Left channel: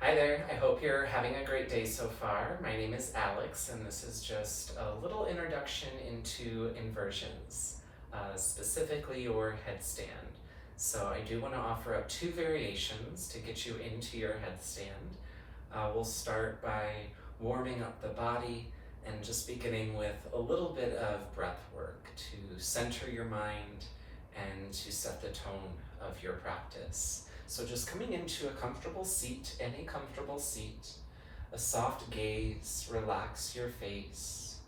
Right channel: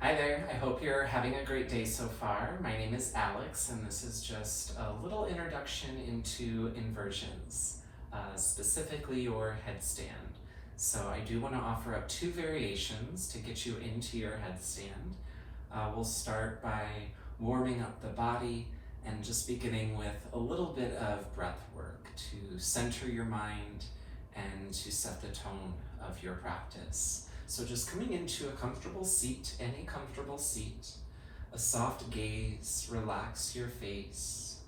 Hi there, I hope you're having a great day so far. My name is Alex, and this is just a little introduction into inversions, specifically your headstand. So I do want to offer up two variations to get you into your headstand. We'll start by warming up the body and just beginning with a little bit of breath work to center your mind and to set the tone of your practice. So just coming into a comfortable seat, any comfortable seat, a soft gaze, relax your face.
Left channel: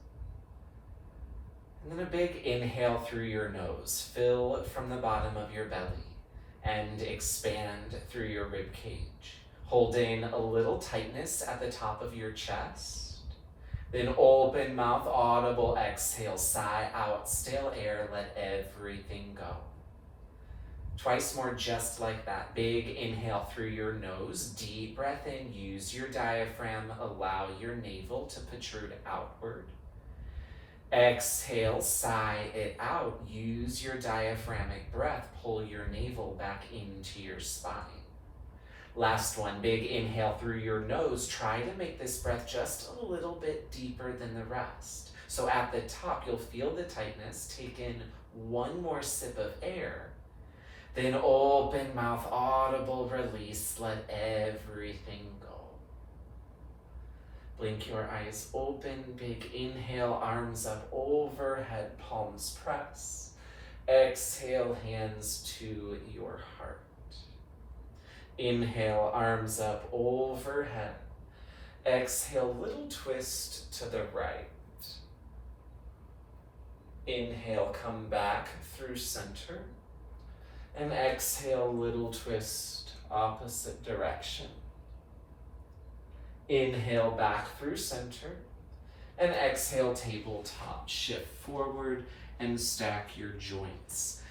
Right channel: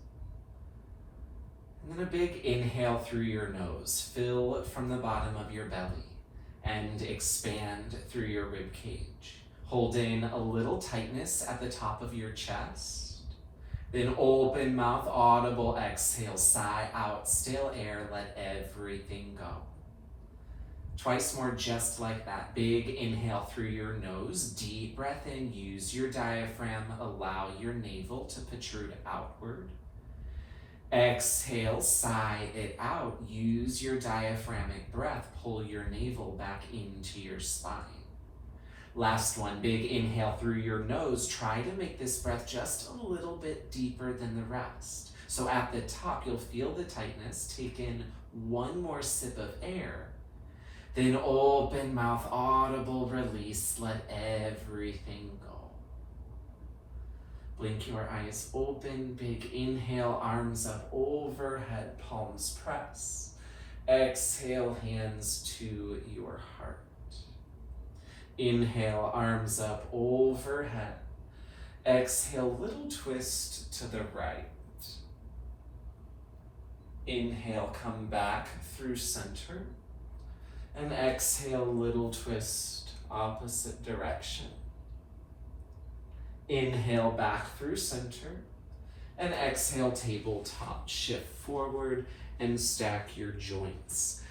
And then a big inhale through your nose, fill from the bottom of your belly and expand through your rib cage, holding a little tightness at the top of your chest. Then open mouth, audible exhale, sigh out, stale air, let everything go. Twice more just like that. Big inhale through your nose, deep breath in, use your diaphragm, allow your navel to protrude outward. Exhale, sigh it out, use your diaphragmic breath, pull your navel back into your spine. Last one, big inhale through your nose, try to make this breath just a little bit deeper than the rest. So at the top, you'll feel the tightness, take in one more sip of air. Then open mouth, audible release, let everything go. Blink your eyes open, big inhale, arms up overhead, palms press. Exhale, hands to your heart. Inhale, arms up overhead. Exhale, little twist to the right. Inhale, come back through center. And exhale, little twist, opposite direction. Inhale, back through center. And exhale, tabletop. Shift forward and stack your joints.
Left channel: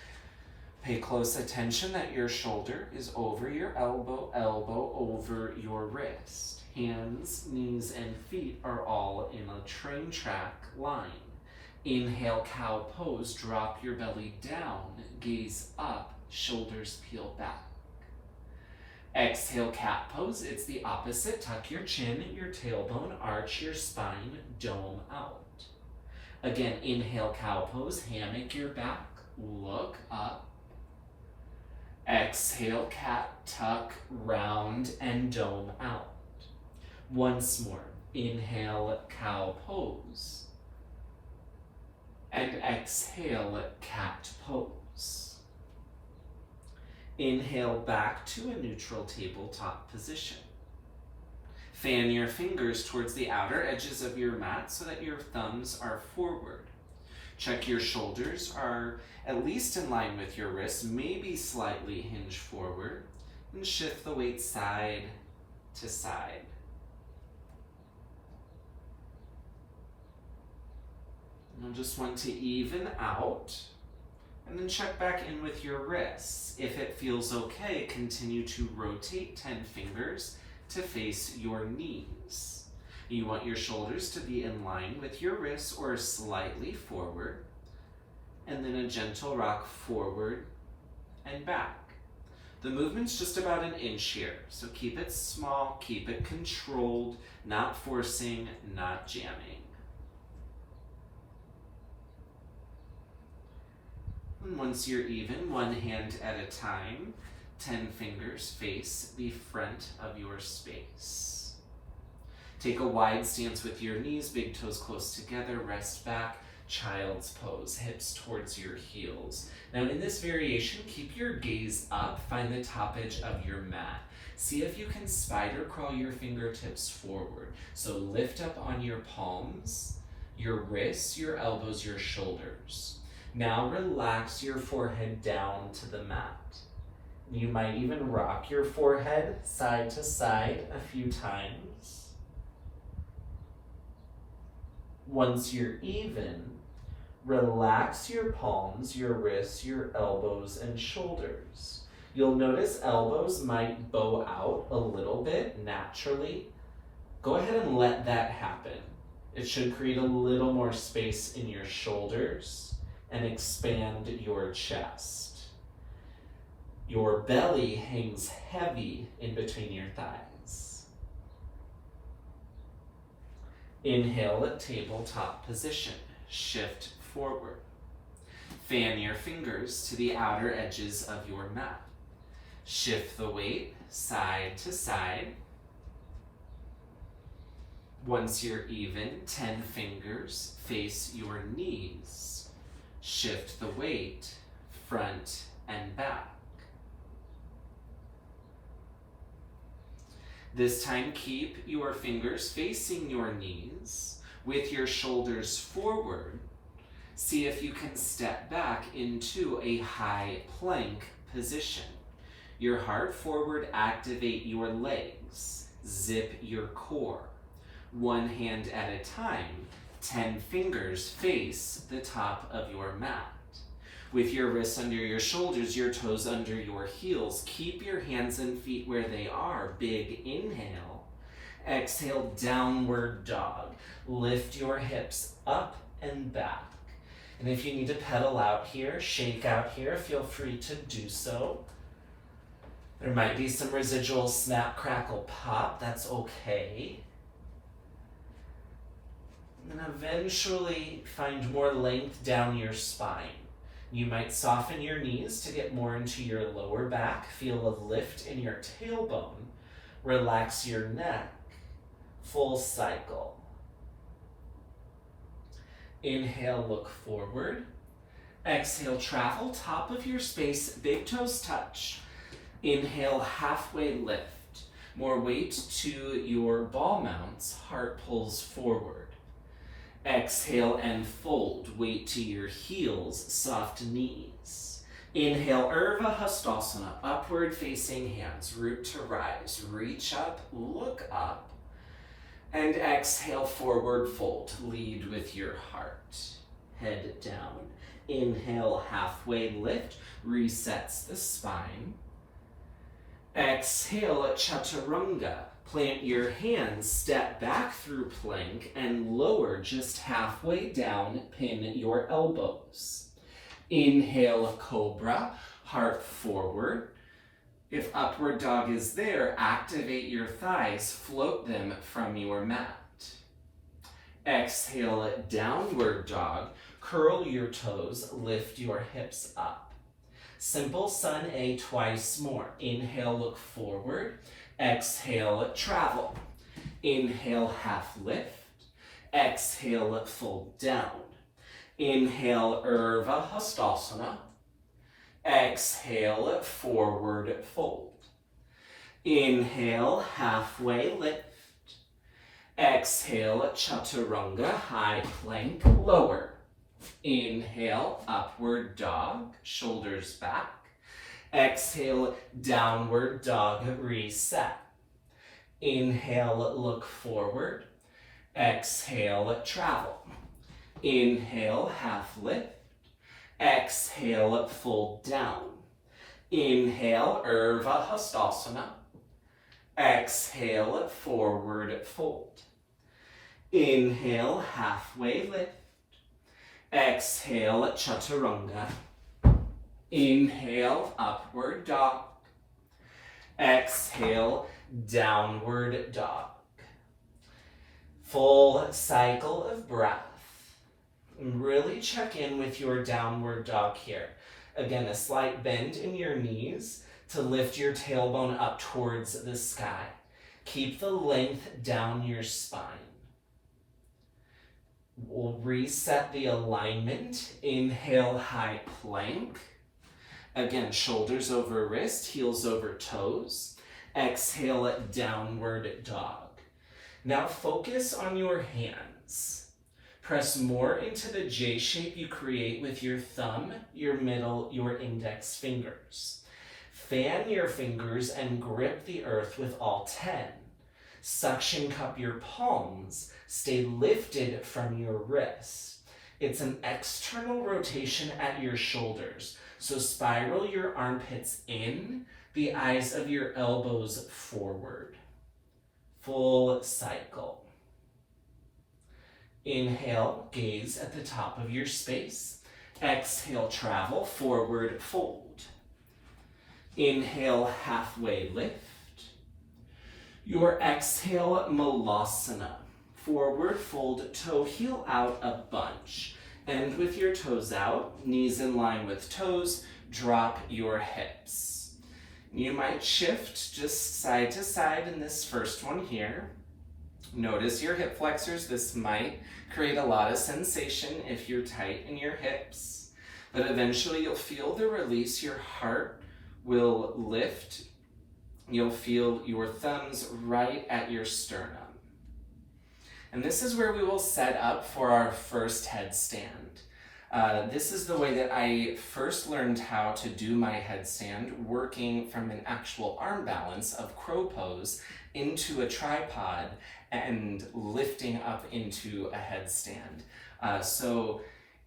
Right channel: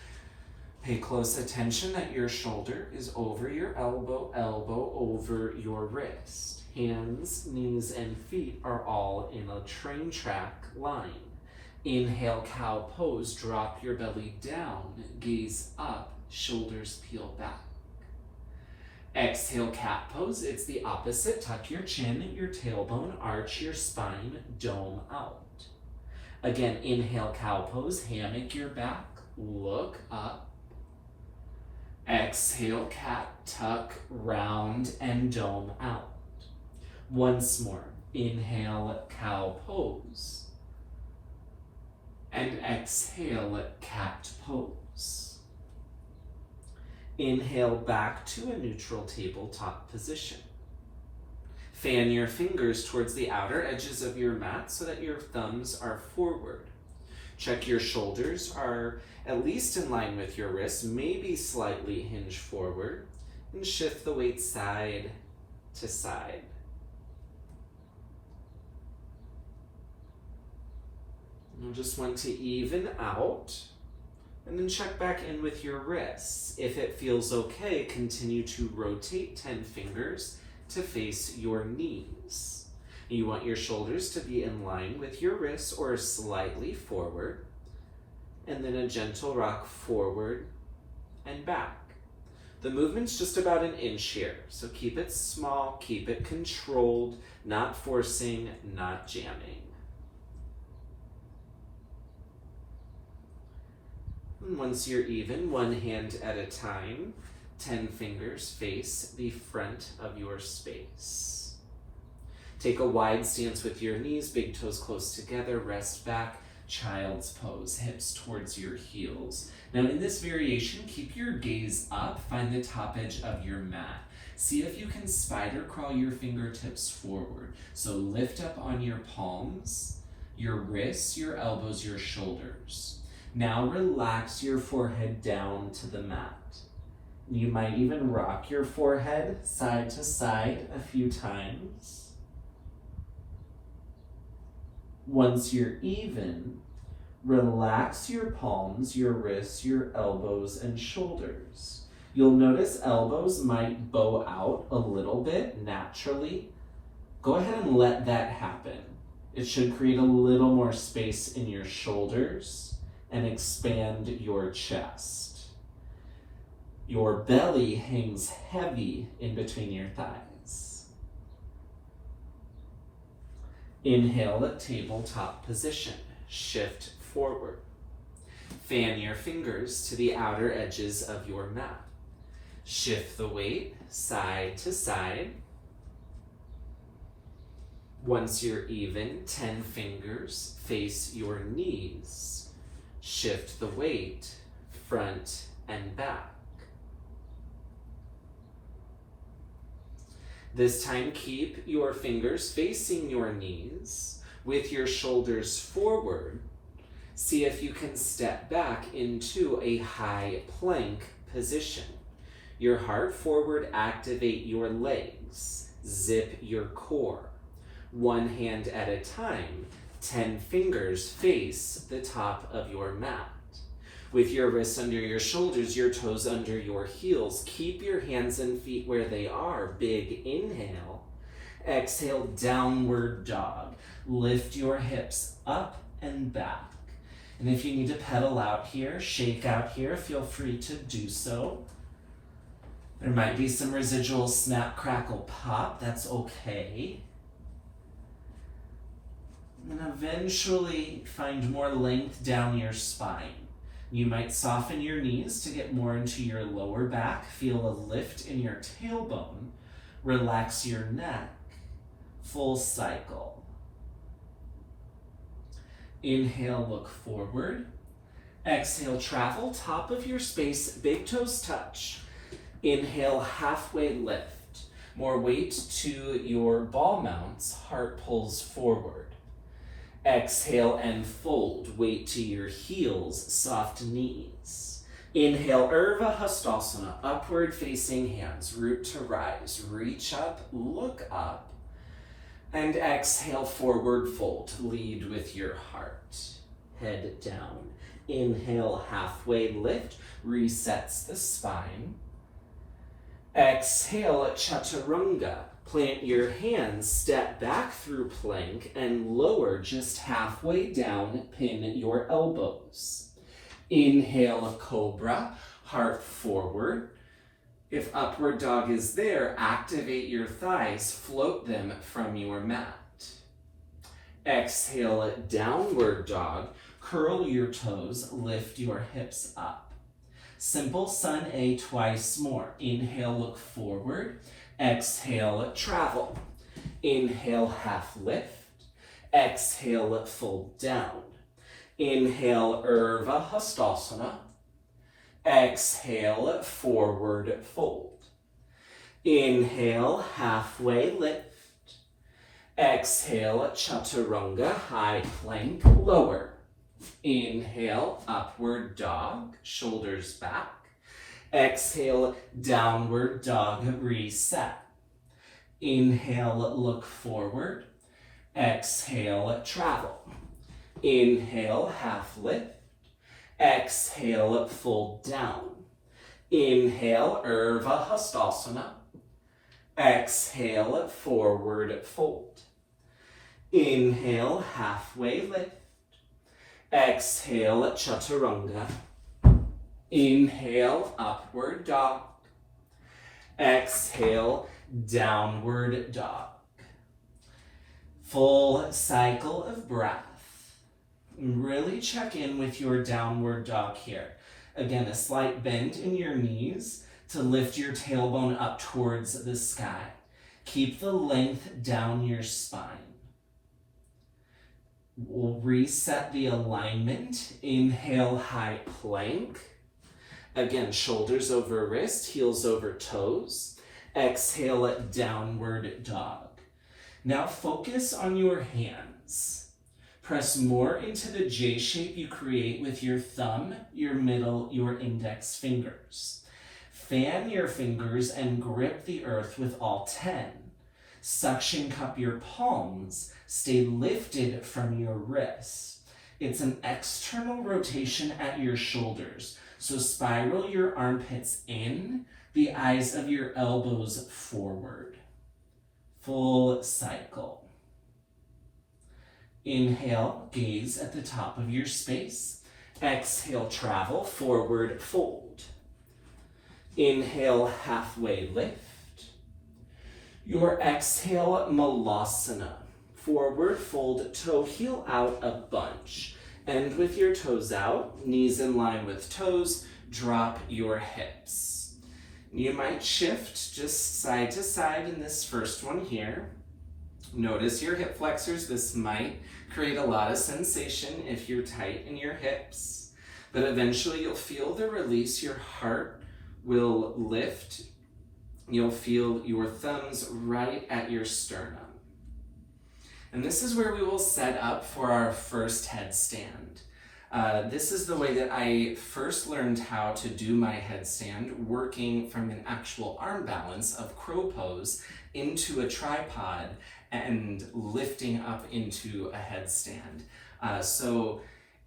Pay close attention that your shoulder is over your elbow, elbow over your wrist. Hands, knees, and feet are all in a train track line. Inhale, cow pose, drop your belly down, gaze up, shoulders peel back. Exhale, cat pose. It's the opposite. Tuck your chin, your tailbone, arch your spine, dome out. Again, inhale, cow pose, hammock your back, look up. Exhale, cat, tuck, round, and dome out. Once more. Inhale, cow pose. And exhale, cat pose. Inhale back to a neutral tabletop position. Fan your fingers towards the outer edges of your mat so that your thumbs are forward. Check your shoulders are at least in line with your wrists, maybe slightly hinge forward, and shift the weight side to side. You'll just want to even out. And then check back in with your wrists. If it feels okay, continue to rotate 10 fingers to face your knees. You want your shoulders to be in line with your wrists or slightly forward. And then a gentle rock forward and back. The movement's just about an inch here, so keep it small, keep it controlled, not forcing, not jamming. Once you're even, one hand at a time, 10 fingers face the front of your space. Take a wide stance with your knees, big toes close together, rest back, child's pose, hips towards your heels. Now in this variation, keep your gaze up, find the top edge of your mat. See if you can spider crawl your fingertips forward. So lift up on your palms, your wrists, your elbows, your shoulders. Now relax your forehead down to the mat. You might even rock your forehead side to side a few times. Once you're even, relax your palms, your wrists, your elbows, and shoulders. You'll notice elbows might bow out a little bit naturally. Go ahead and let that happen. It should create a little more space in your shoulders and expand your chest. Your belly hangs heavy in between your thighs. Inhale, tabletop position. Shift forward. Fan your fingers to the outer edges of your mat. Shift the weight side to side. Once you're even, 10 fingers face your knees. Shift the weight front and back. This time, keep your fingers facing your knees with your shoulders forward. See if you can step back into a high plank position. Your heart forward, activate your legs. Zip your core. One hand at a time, 10 fingers face the top of your mat. With your wrists under your shoulders, your toes under your heels, keep your hands and feet where they are. Big inhale. Exhale, downward dog. Lift your hips up and back. And if you need to pedal out here, shake out here, feel free to do so. There might be some residual snap, crackle, pop. That's okay. And eventually find more length down your spine. You might soften your knees to get more into your lower back. Feel a lift in your tailbone. Relax your neck. Full cycle. Inhale, look forward. Exhale, travel, top of your space, big toes touch. Inhale, halfway lift. More weight to your ball mounts, heart pulls forward. Exhale and fold, weight to your heels, soft knees. Inhale, Urdhva Hastasana, upward facing hands, root to rise. Reach up, look up. And exhale, forward fold. Lead with your heart. Head down. Inhale, halfway lift. Resets the spine. Exhale, Chaturanga. Plant your hands, step back through plank, and lower just halfway down. Pin your elbows. Inhale, Cobra. Heart forward. If upward dog is there, activate your thighs, float them from your mat. Exhale, downward dog. Curl your toes, lift your hips up. Simple Sun A twice more. Inhale, look forward. Exhale, travel. Inhale, half lift. Exhale, fold down. Inhale, Urdhva Hastasana. Exhale, forward fold. Inhale, halfway lift. Exhale, Chaturanga, high plank, lower. Inhale, upward dog, shoulders back. Exhale, downward dog, reset. Inhale, look forward. Exhale, travel. Inhale, half lift. Exhale, fold down. Inhale, Urdhva Hastasana. Exhale, forward fold. Inhale, halfway lift. Exhale, Chaturanga. Inhale, upward dog. Exhale, downward dog. Full cycle of breath. Really check in with your downward dog here. Again, a slight bend in your knees to lift your tailbone up towards the sky. Keep the length down your spine. We'll reset the alignment. Inhale, high plank. Again, shoulders over wrist, heels over toes. Exhale, downward dog. Now focus on your hands. Press more into the J shape you create with your thumb, your middle, your index fingers. Fan your fingers and grip the earth with all 10. Suction cup your palms. Stay lifted from your wrist. It's an external rotation at your shoulders. So spiral your armpits in, the eyes of your elbows forward. Full cycle. Inhale, gaze at the top of your space. Exhale, travel, forward fold. Inhale, halfway lift. Your exhale, Malasana. forward, fold toe heel out a bunch. End with your toes out, knees in line with toes, drop your hips. You might shift just side to side in this first one here. Notice your hip flexors. This might create a lot of sensation if you're tight in your hips, but eventually you'll feel the release. Your heart will lift. You'll feel your thumbs right at your sternum. And this is where we will set up for our first headstand. This is the way that I first learned how to do my headstand, working from an actual arm balance of crow pose into a tripod and lifting up into a headstand. So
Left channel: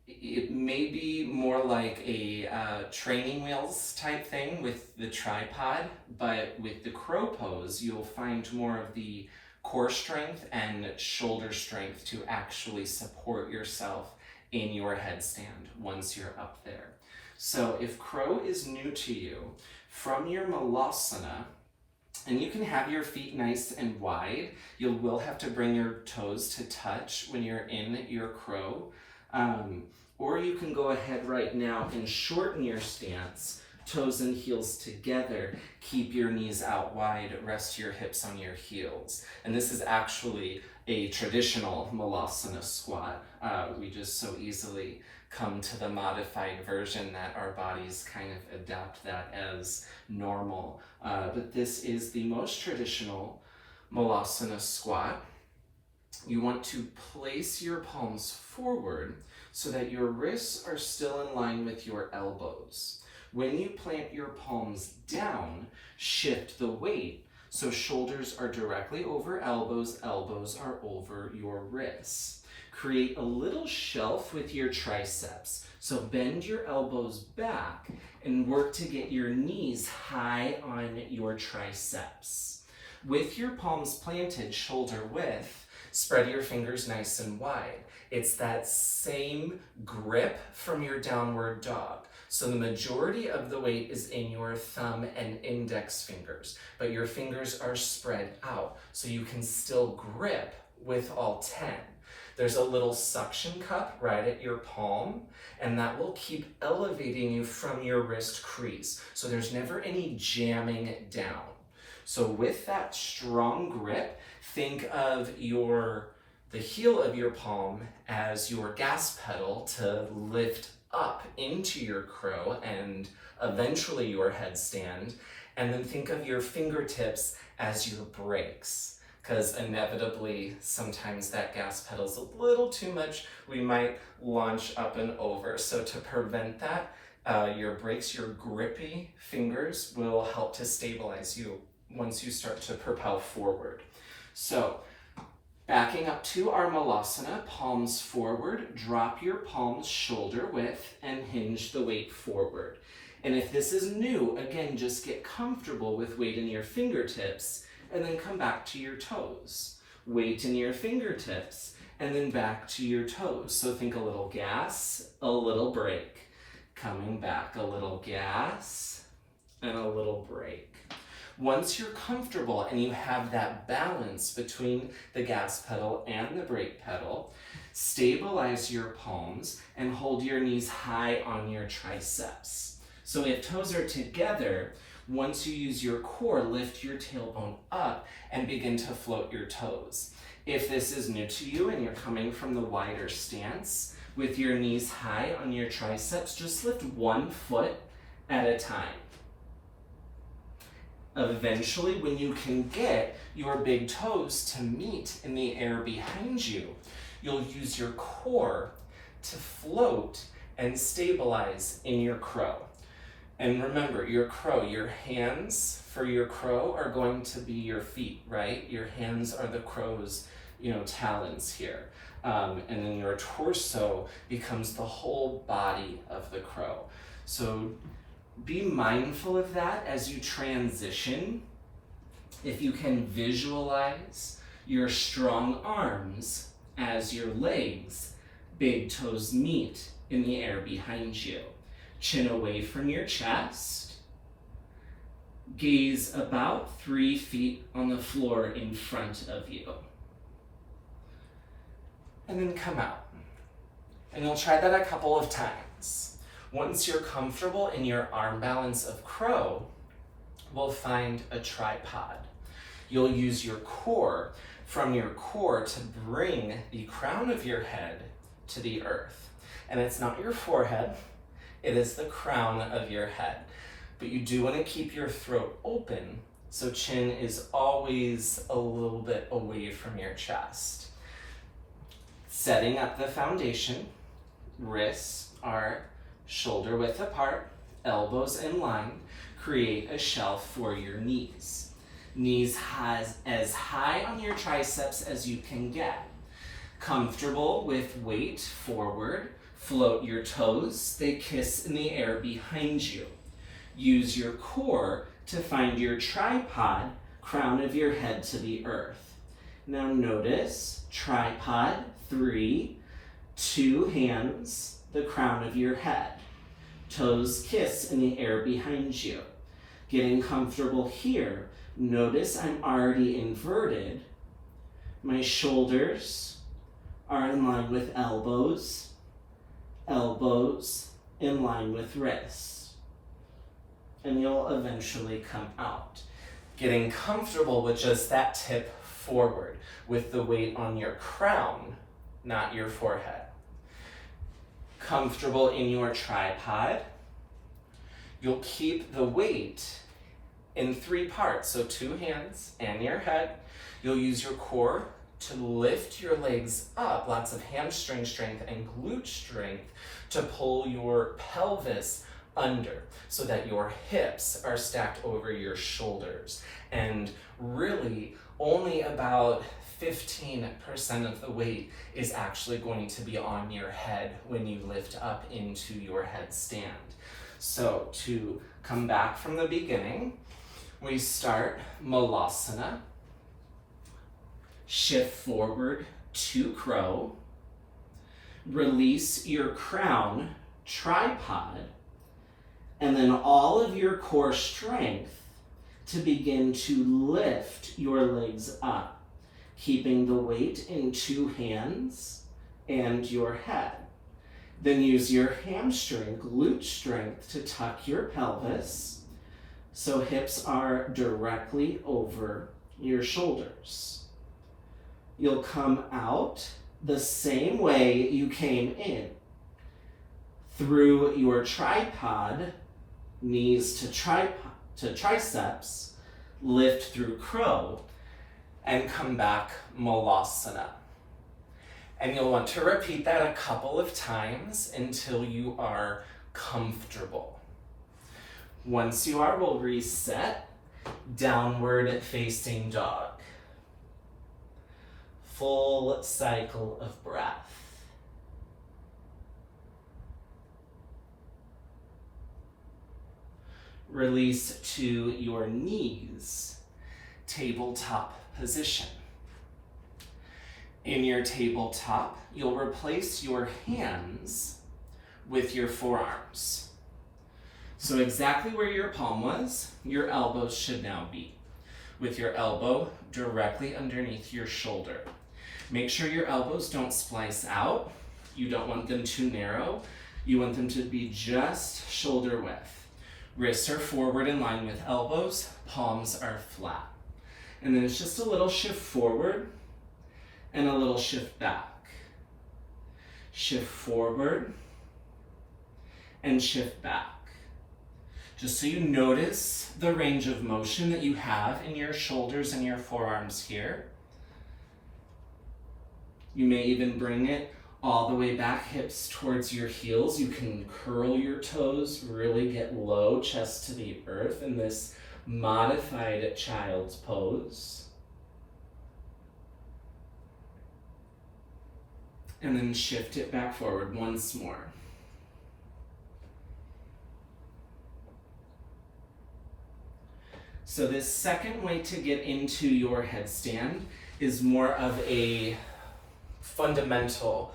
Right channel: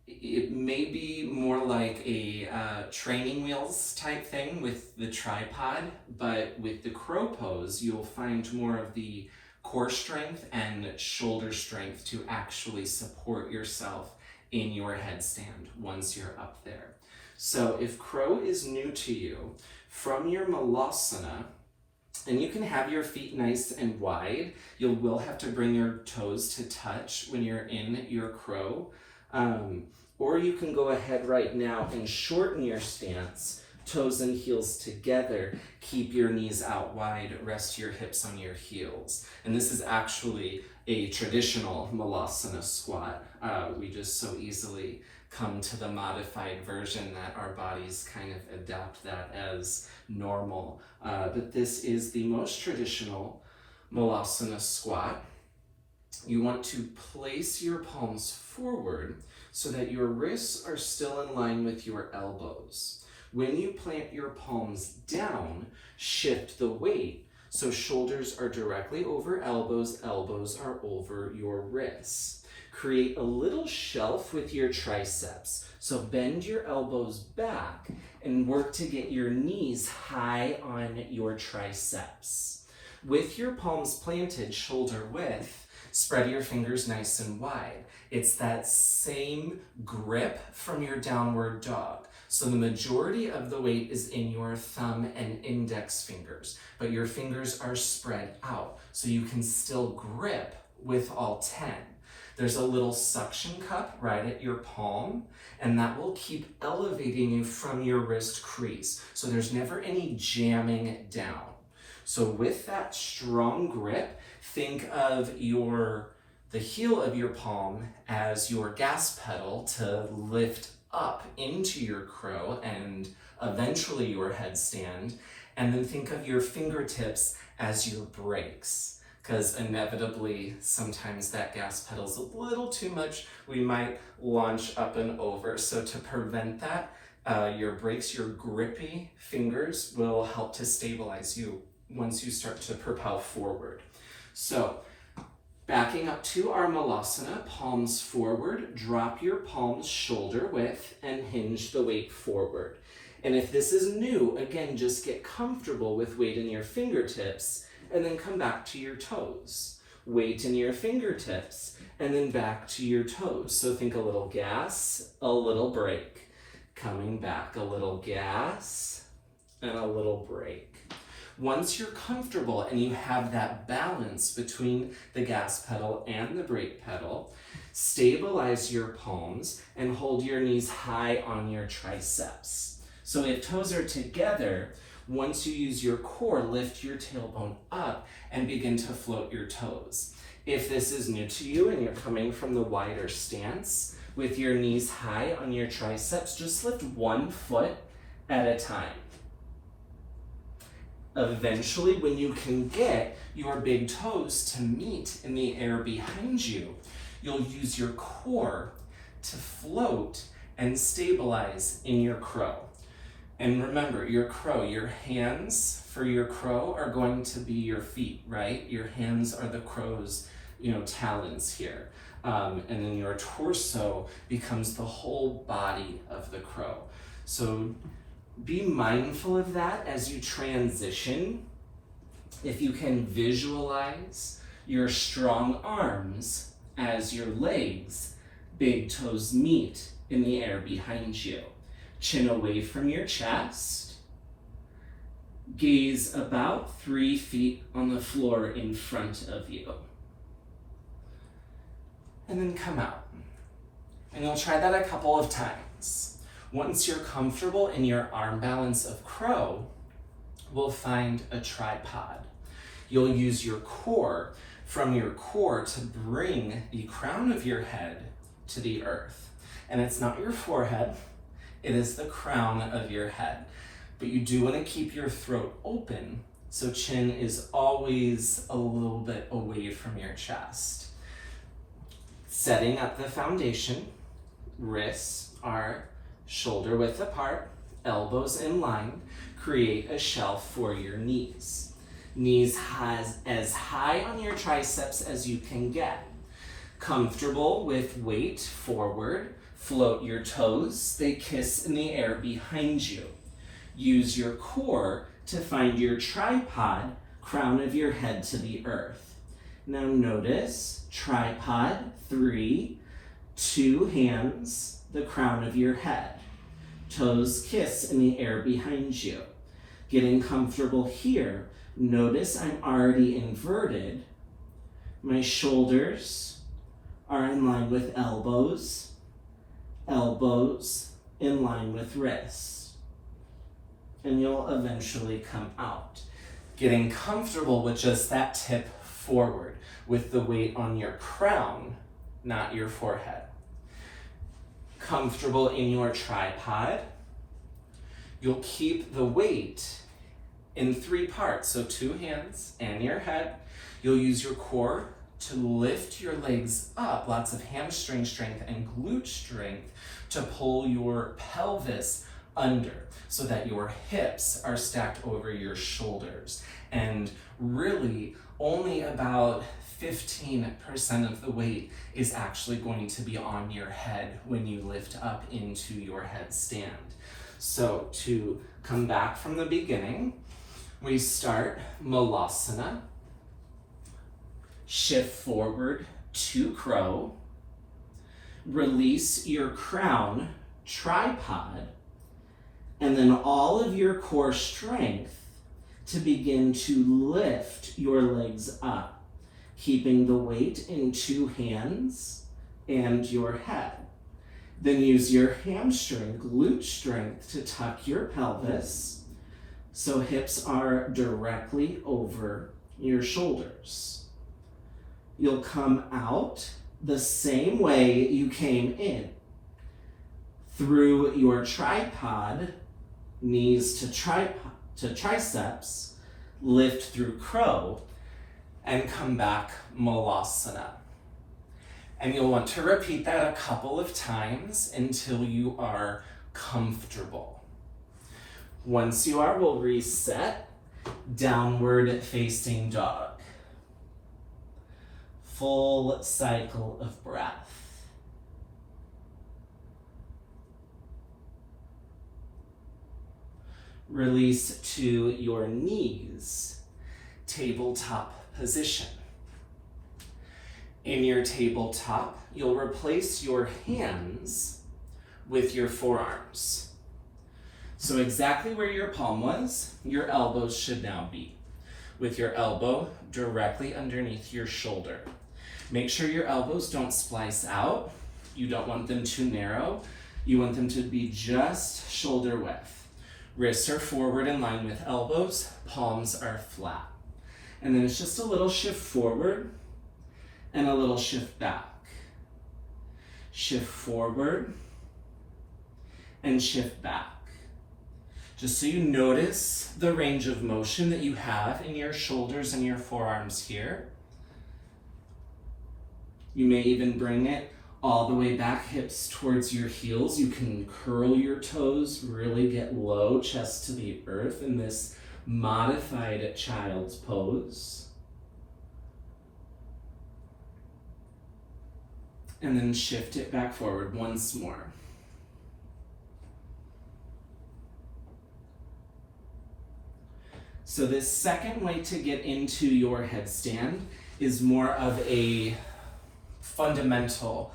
it may be more like a training wheels type thing with the tripod, but with the crow pose, you'll find more of the core strength and shoulder strength to actually support yourself in your headstand once you're up there. So if crow is new to you, from your malasana, and you can have your feet nice and wide, you will have to bring your toes to touch when you're in your crow, or you can go ahead right now and shorten your stance, toes and heels together, keep your knees out wide, rest your hips on your heels. And this is actually a traditional malasana squat. We just so easily come to the modified version that our bodies kind of adapt that as normal. But this is the most traditional malasana squat. You want to place your palms forward so that your wrists are still in line with your elbows. When you plant your palms down, shift the weight so shoulders are directly over elbows, elbows are over your wrists. Create a little shelf with your triceps. So bend your elbows back and work to get your knees high on your triceps. With your palms planted shoulder width, spread your fingers nice and wide. It's that same grip from your downward dog. So the majority of the weight is in your thumb and index fingers, but your fingers are spread out so you can still grip with all 10. There's a little suction cup right at your palm, and that will keep elevating you from your wrist crease. So there's never any jamming down. So with that strong grip, think of the heel of your palm as your gas pedal to lift up into your crow and eventually your headstand, and then think of your fingertips as your brakes, because inevitably sometimes that gas pedal's a little too much. We might launch up and over. So to prevent that, your brakes, your grippy fingers will help to stabilize you once you start to propel forward. So backing up to our malasana, palms forward, drop your palms shoulder width and hinge the weight forward. And if this is new, again, just get comfortable with weight in your fingertips and then come back to your toes. Weight in your fingertips and then back to your toes. So think a little gas, a little brake. Coming back, a little gas and a little brake. Once you're comfortable and you have that balance between the gas pedal and the brake pedal, stabilize your palms and hold your knees high on your triceps. So if toes are together, once you use your core, lift your tailbone up and begin to float your toes. If this is new to you and you're coming from the wider stance, with your knees high on your triceps, just lift one foot at a time. Eventually, when you can get your big toes to meet in the air behind you, you'll use your core to float and stabilize in your crow. And remember, your crow, your hands for your crow are going to be your feet, right? Your hands are the crow's, talons here. And then your torso becomes the whole body of the crow. So be mindful of that as you transition. If you can visualize your strong arms as your legs, big toes meet in the air behind you. Chin away from your chest. Gaze about 3 feet on the floor in front of you. and then come out. And you'll try that a couple of times. Once you're comfortable in your arm balance of crow, we'll find a tripod. You'll use your core, from your core, to bring the crown of your head to the earth. And it's not your forehead, it is the crown of your head. But you do want to keep your throat open, so chin is always a little bit away from your chest. Setting up the foundation, wrists are shoulder width apart, elbows in line, create a shelf for your knees. Knees as high on your triceps as you can get. Comfortable with weight forward, float your toes, they kiss in the air behind you. Use your core to find your tripod, crown of your head to the earth. Now notice, tripod, 3, 2 hands, the crown of your head. Toes kiss in the air behind you. Getting comfortable here, notice I'm already inverted. My shoulders are in line with elbows, elbows in line with wrists. And you'll eventually come out. Getting comfortable with just that tip forward, with the weight on your crown, not your forehead. Comfortable in your tripod, you'll keep the weight in 3 parts, so 2 hands and your head. You'll use your core to lift your legs up, lots of hamstring strength and glute strength to pull your pelvis under so that your hips are stacked over your shoulders. And really, only about 15% of the weight is actually going to be on your head when you lift up into your headstand. So to come back from the beginning, we start Malasana, shift forward to crow, release your crown, tripod, and then all of your core strength to begin to lift your legs up, keeping the weight in 2 hands and your head. Then use your hamstring, glute strength to tuck your pelvis so hips are directly over your shoulders. You'll come out the same way you came in, through your tripod, knees to triceps, lift through crow, and come back Malasana. And you'll want to repeat that a couple of times until you are comfortable. Once you are, we'll reset, downward facing dog. Full cycle of breath. Release to your knees, tabletop position. In your tabletop, you'll replace your hands with your forearms. So exactly where your palm was, your elbows should now be, with your elbow directly underneath your shoulder. Make sure your elbows don't splice out. You don't want them too narrow. You want them to be just shoulder width. Wrists are forward in line with elbows, palms are flat. And then it's just a little shift forward and a little shift back. Shift forward and shift back. Just so you notice the range of motion that you have in your shoulders and your forearms here. You may even bring it all the way back, hips towards your heels. You can curl your toes, really get low, chest to the earth in this modified child's pose. And then shift it back forward once more. So this second way to get into your headstand is more of a fundamental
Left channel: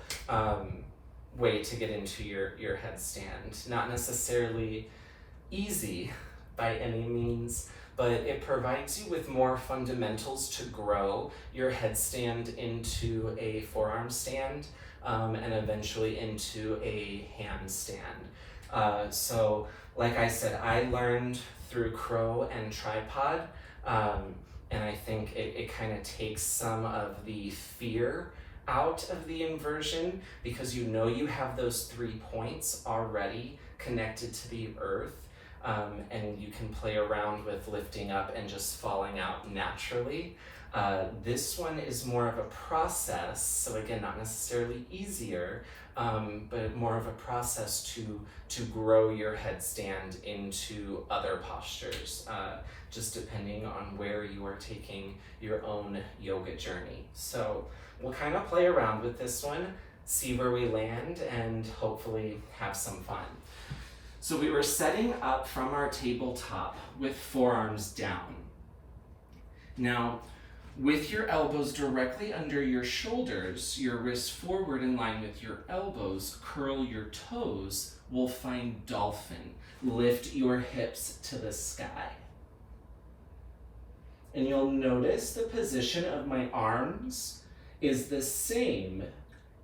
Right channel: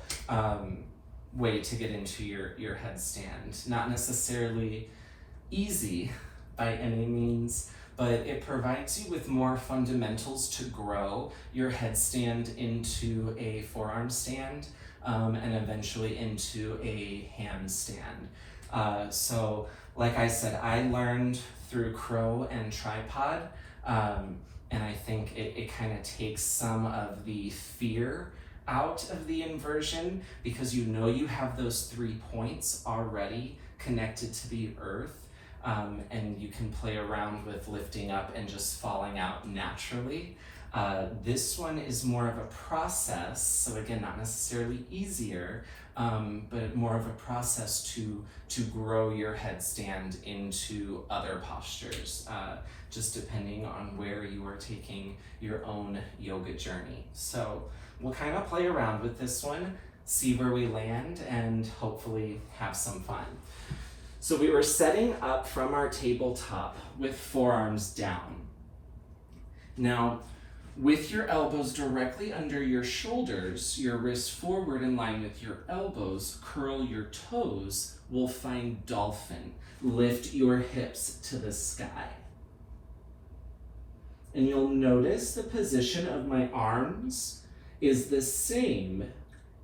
way to get into your headstand. Not necessarily easy by any means, but it provides you with more fundamentals to grow your headstand into a forearm stand and eventually into a handstand. So like I said, I learned through crow and tripod, and I think it kind of takes some of the fear out of the inversion, because you know you have those 3 points already connected to the earth, and you can play around with lifting up and just falling out naturally. This one is more of a process, so again, not necessarily easier, but more of a process to grow your headstand into other postures, just depending on where you are taking your own yoga journey. So we'll kind of play around with this one, see where we land, and hopefully have some fun. So we were setting up from our tabletop with forearms down. Now, with your elbows directly under your shoulders, your wrists forward in line with your elbows, curl your toes, we'll find dolphin. Lift your hips to the sky. And you'll notice the position of my arms is the same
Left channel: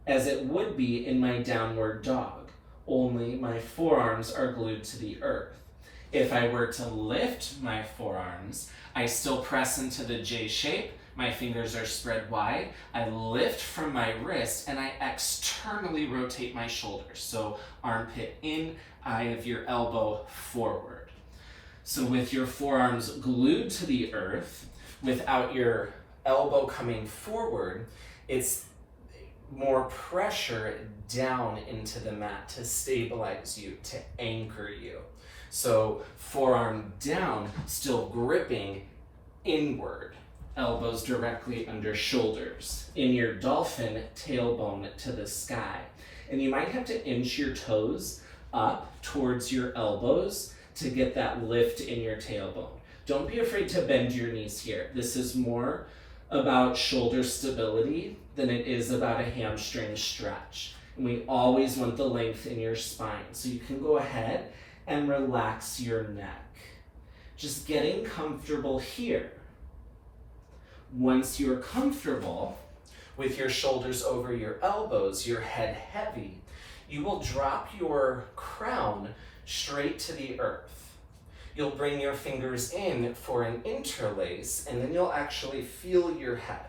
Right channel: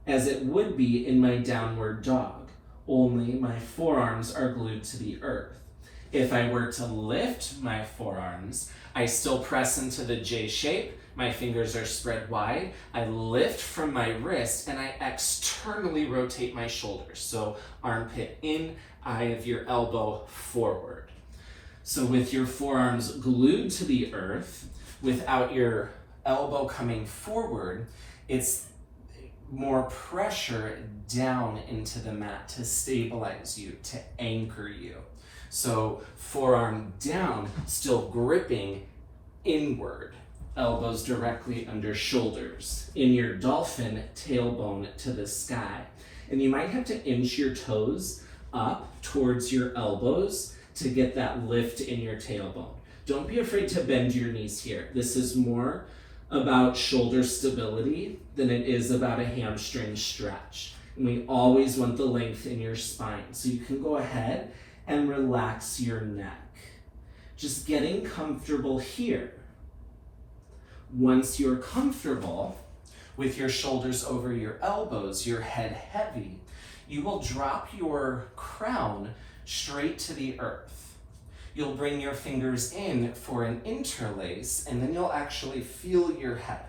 as it would be in my downward dog, only my forearms are glued to the earth. If I were to lift my forearms, I still press into the J shape, my fingers are spread wide, I lift from my wrist, and I externally rotate my shoulders. So armpit in, eye of your elbow forward. So with your forearms glued to the earth, without your elbow coming forward, it's more pressure down into the mat to stabilize you, to anchor you. So forearm down, still gripping inward, elbows directly under shoulders. In your dolphin, tailbone to the sky. And you might have to inch your toes up towards your elbows to get that lift in your tailbone. Don't be afraid to bend your knees here. This is more about shoulder stability than it is about a hamstring stretch. And we always want the length in your spine. So you can go ahead and relax your neck. Just getting comfortable here. Once you're comfortable with your shoulders over your elbows, your head heavy, you will drop your crown straight to the earth. You'll bring your fingers in for an interlace, and then you'll actually feel your head.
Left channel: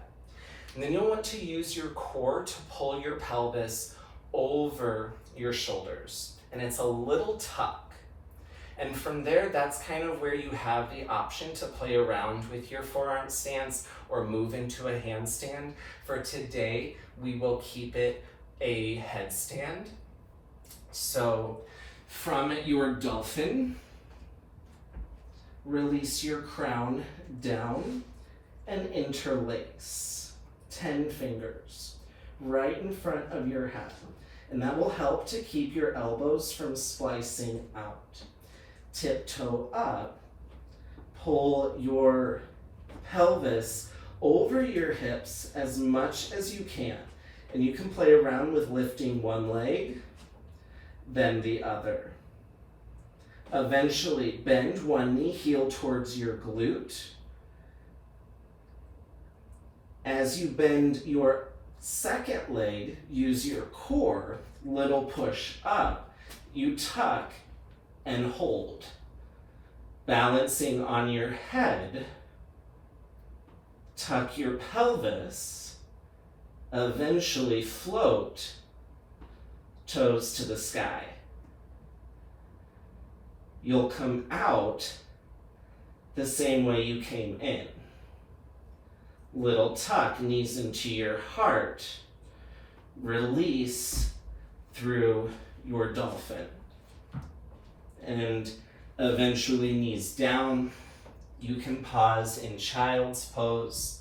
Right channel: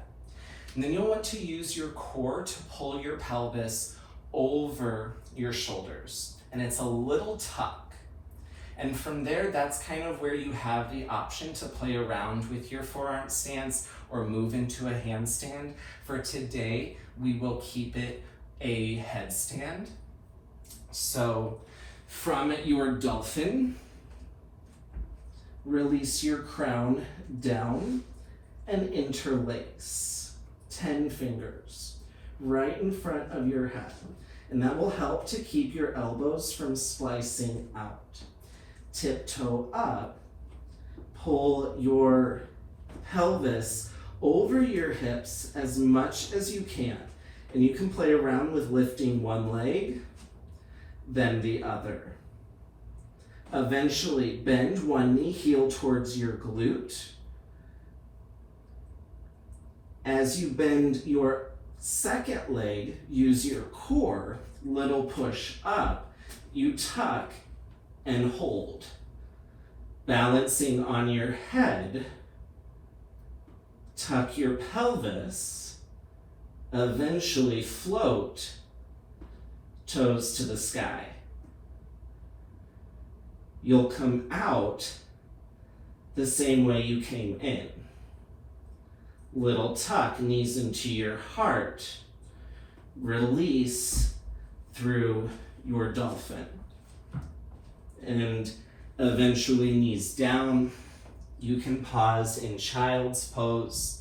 And then you'll want to use your core to pull your pelvis over your shoulders. And it's a little tuck. And from there, that's kind of where you have the option to play around with your forearm stance or move into a handstand. For today, we will keep it a headstand. So from your dolphin, release your crown down and interlace. 10 fingers right in front of your head. And that will help to keep your elbows from splicing out. Tiptoe up, pull your pelvis over your hips as much as you can. And you can play around with lifting one leg, then the other. Eventually, bend one knee, heel towards your glute. As you bend your second leg, use your core, little push up. You tuck and hold. Balancing on your head, tuck your pelvis, eventually float, toes to the sky. You'll come out the same way you came in. Little tuck, knees into your heart. Release through your dolphin. And eventually knees down. You can pause in child's pose,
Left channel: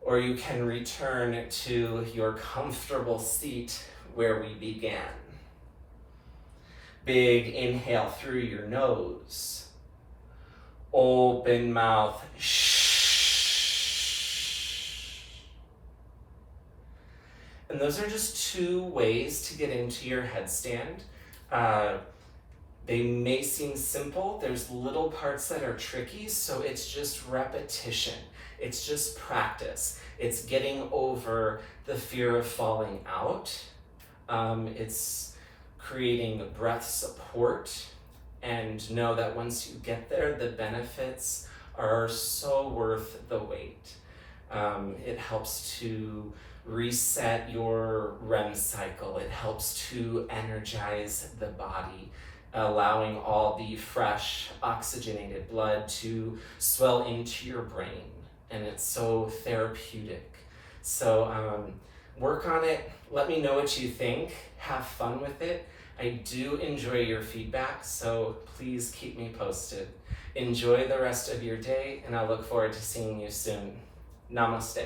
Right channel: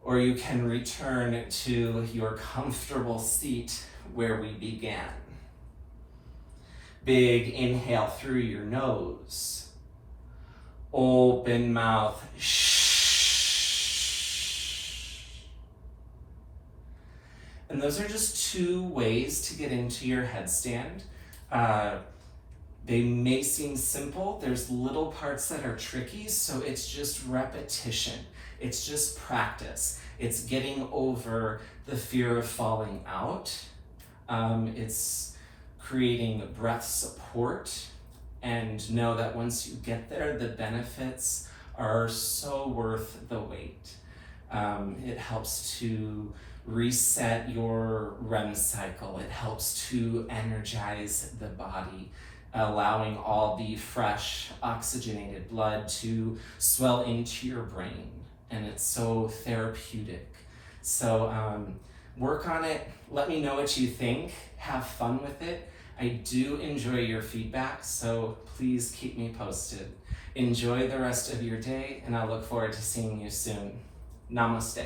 or you can return to your comfortable seat where we began. Big inhale through your nose. Open mouth. And those are just 2 ways to get into your headstand. They may seem simple. There's little parts that are tricky, so it's just repetition. It's just practice. It's getting over the fear of falling out. It's creating breath support, and know that once you get there, the benefits are so worth the wait. It helps to reset your REM cycle. It helps to energize the body, allowing all the fresh oxygenated blood to swell into your brain. And it's so therapeutic. So work on it. Let me know what you think. Have fun with it. I do enjoy your feedback, so please keep me posted. Enjoy the rest of your day, and I look forward to seeing you soon. Namaste.